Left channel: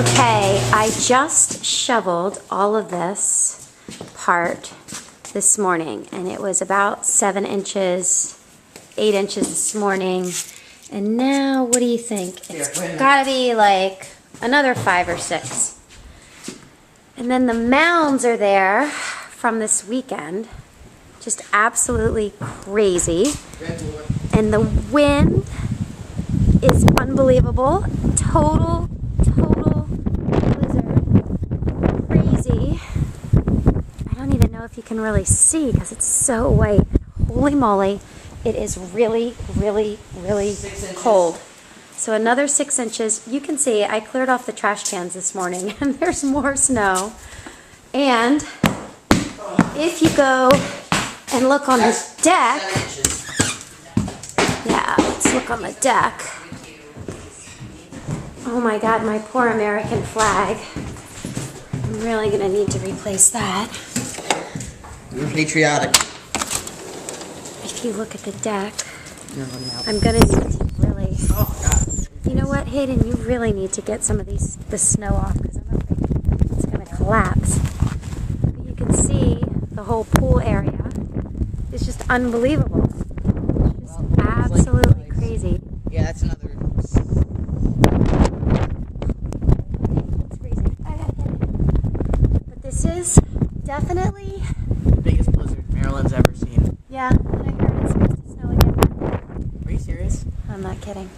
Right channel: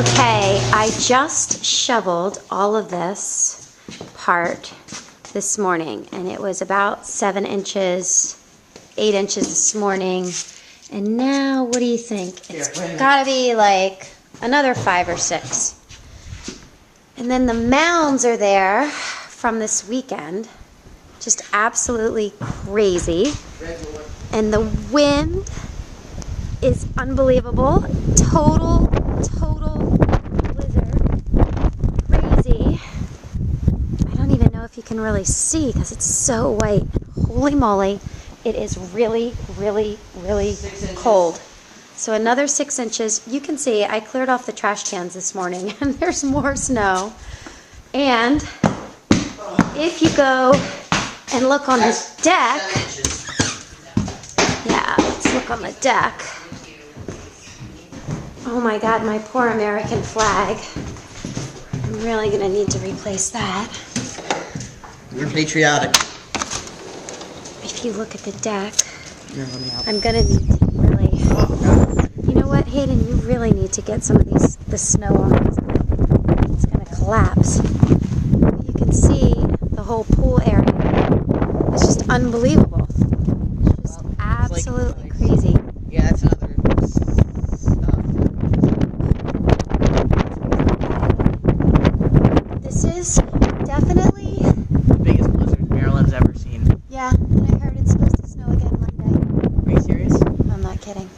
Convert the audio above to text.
Okay, I just shoveled all of this part this morning, and it was about 7 inches, 8 inches this morning. And now, what do you think? It's gotta be like another 5 or 6. And then the mounds are there from this weekend. Just absolutely crazy. And the wind is unbelievable. Total blizzard. Crazy. I don't even know if you can really see because it's so white. Holy moly. It is really cold. So another 6 inches. You can see I cleared off the trash cans this morning and there's more snow. And if you go and look on the deck, yeah, let's look on the deck. Oh my God, my poor American flag. I'm really gonna need to replace that. You're patriotic. If you look at the deck, I'm gonna need to really, you know what, Hayden, you really need to get some of the snow off. It's gonna collapse. You can see the whole pool area. It's just unbelievable. It's just absolutely crazy. Yeah, that's another. This is definitely The biggest blizzard Maryland's ever seen. yeah, and I heard it's supposed to snow again Monday. Are you serious? I'm not kidding.